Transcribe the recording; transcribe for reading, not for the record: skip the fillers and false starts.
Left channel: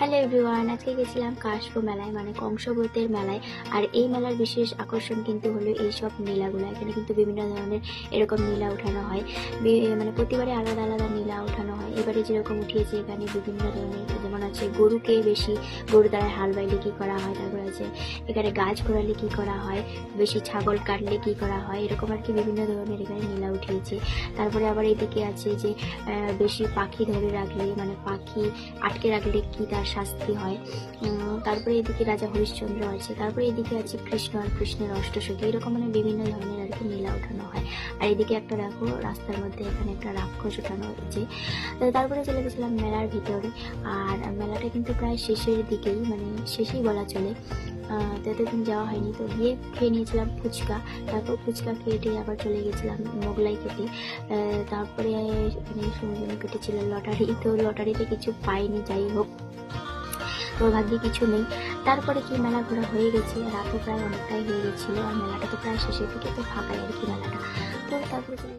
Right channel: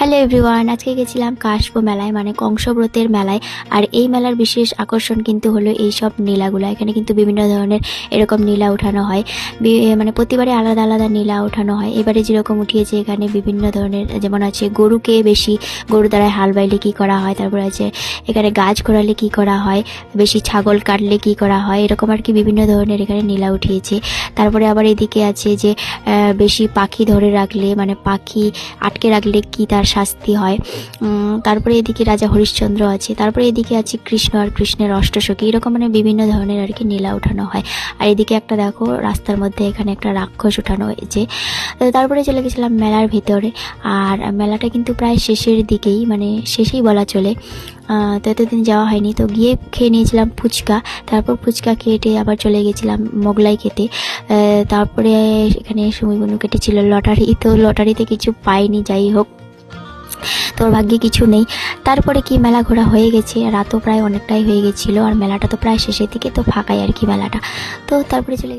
Hello everyone, আজকে গেছিলাম কাশবো মেলায়, মানে কংসব্রতের মেলায়। আর এই মেলার বিশেষ আকর্ষণ কিন্তু হলো এই সব নীলাগুলো। এখানে কিন্তু বিভিন্ন ধরনের এরকম নীলা উঠানো হয়, মানে প্রতিবারে আলাদা আলাদা নীলা উঠানো হয়। এবারে যেরকম উঠিয়েছে এখানে বিভিন্ন ধরনের, যেমন আছে গরুকে বেশি গরু দ্বারা হাল বাইলে কী করা হয়, তারপর আছে এখানে গাছ ঘোরালে কী করা হয়, বেশি ছাগল কাটলে কী করা হয়, এরকম আর কি বিভিন্ন ধরনের এখানে নীলা উঠিয়েছে। তারপরে আবার এদিকে আছে যে বেশি পাখি ধরে রাখলে, মানে পাখি আটকে রাখলে কি তার শাস্তি হয়। তারপরে এদিকে রাজা হরিশ্চন্দ্র আছে, তারপরে এদিকে আছে কৃষ্ণ আর কৃষ্ণের অষ্টসখী, এরকম মানে বিভিন্ন ধরনের আর কি নীলা উঠানো হয়। আর এদিকে একটা দেখো রাস্তার মধ্যে এখানে একটা রাক্ষস উঠানো হয়েছে। তো তারপরে চলে গেছিলাম মেলার ভিতরে। আর মেলাটা কিন্তু প্রায় শেষের দিকেই, মানে শেষেই বলা চলে। তো এতদিন যাওয়া হয়নি, তো গিয়ে খেয়ে নিয়েছিলাম ফুচকা। তারপর ফুচকা খেটে আবার চলে গেছিলাম মোগলাই খেতে। তারপরে এখানে সুমিবনু কেটেছিল লটারি, তো লটারিতে কিছু পাইনি, যাই হোক তোর ভাগ্যে কিছু নেই। তারপরে কি মেলা ঘোরা হয়ে গেছে, রাতও প্রায় অনেকটাই হয়ে গেছিলো, আর মেলাটা তো প্রায় শেষের দিকে, তো ফাঁকাই আর কি মেলাটা। তো তারপরে চলে